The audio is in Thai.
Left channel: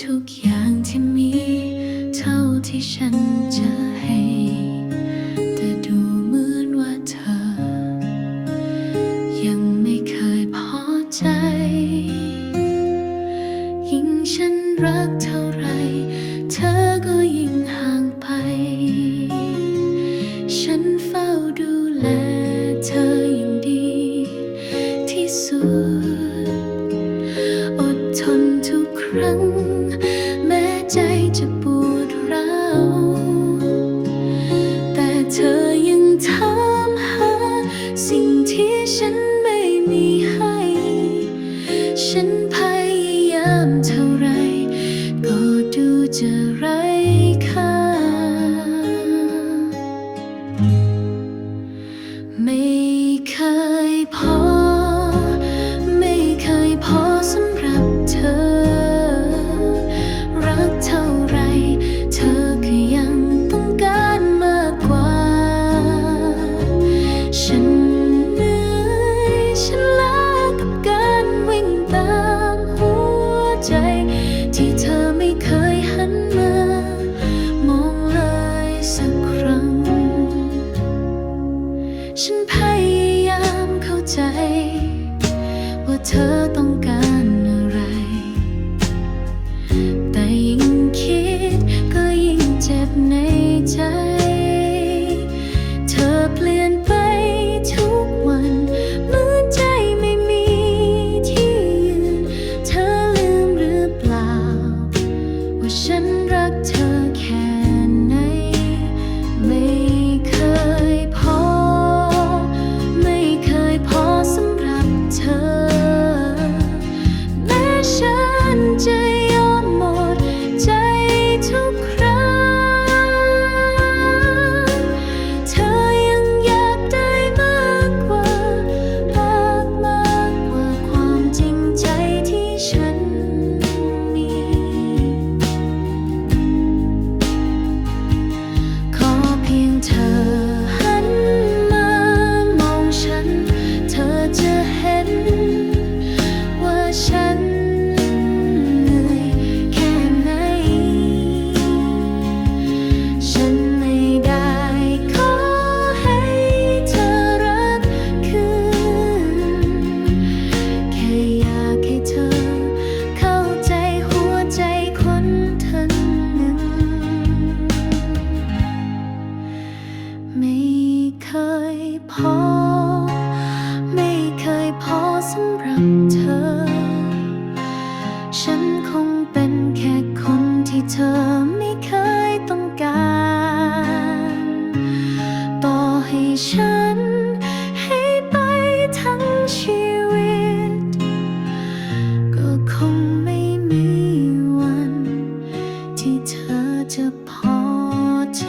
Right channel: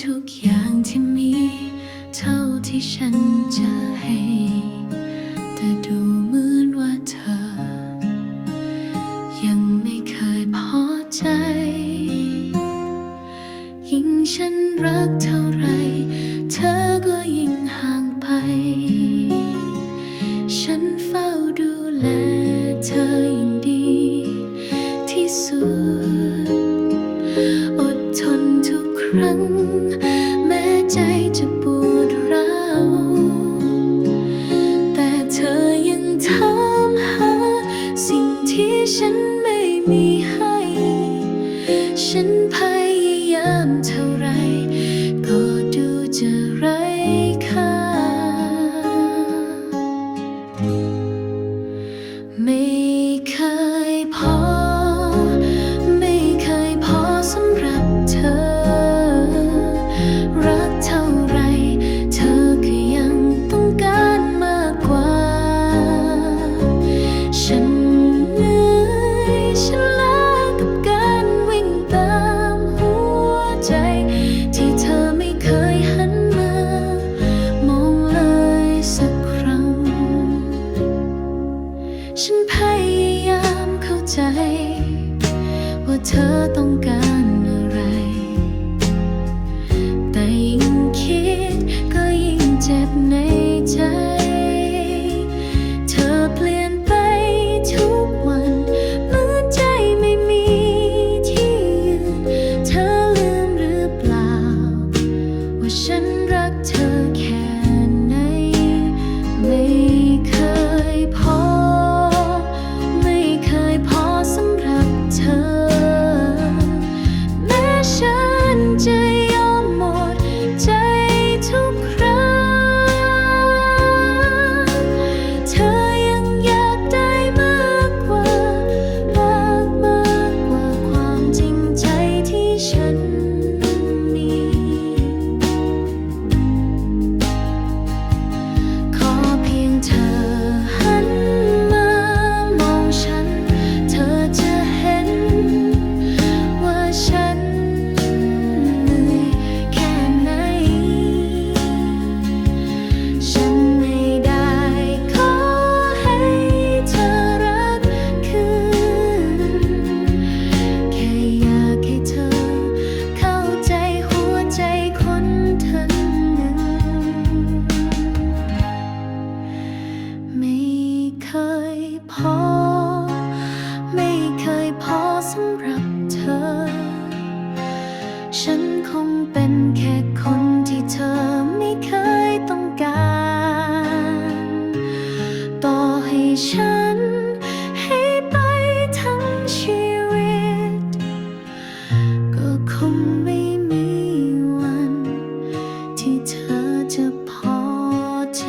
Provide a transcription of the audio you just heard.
ทุกอย่างที่มี เท่าที่ฉันจะให้ แต่ดูเหมือนว่าเธอ ยังไม่เคยพอใจ ยิ่งฉันรักเท่าไร เธอก็ยิ่งห่างไป ฉันเฝ้าดูแลเธออย่างดี ที่สุด อดทนทุกครั้ง จะปวดร้าวแต่เธอยังถามหา สิ่งที่ฉันไม่มีให้ ฉันพยายามเท่าไร ก็ดูจะไร้ ใจ ว่าเธอต้องการอะไร แต่ยิ่งคิดก็ยิ่งเจ็บในใจ เธอเปลี่ยนไปทุกวันเหมือนใจไม่มีที่ยืน เธอลืมหรือเปล่า ว่าฉันรักเธอแค่ไหนไม่ เธอหันมามองฉัน เธอจะเห็น ว่าฉันเหนื่อยแค่ไหน ฉันไม่ได้ขอให้เธอรักคืน แค่อยากให้เธอ เคยพอ ไม่เคยพอสำหรับเธอ ฉันคงเป็นแค่คนที่เธอไม่เคยต้องการ ต่อให้ฉันให้ไปทั้งชีวิต ก็คงไม่มีวัน ที่เธอจะพอใจ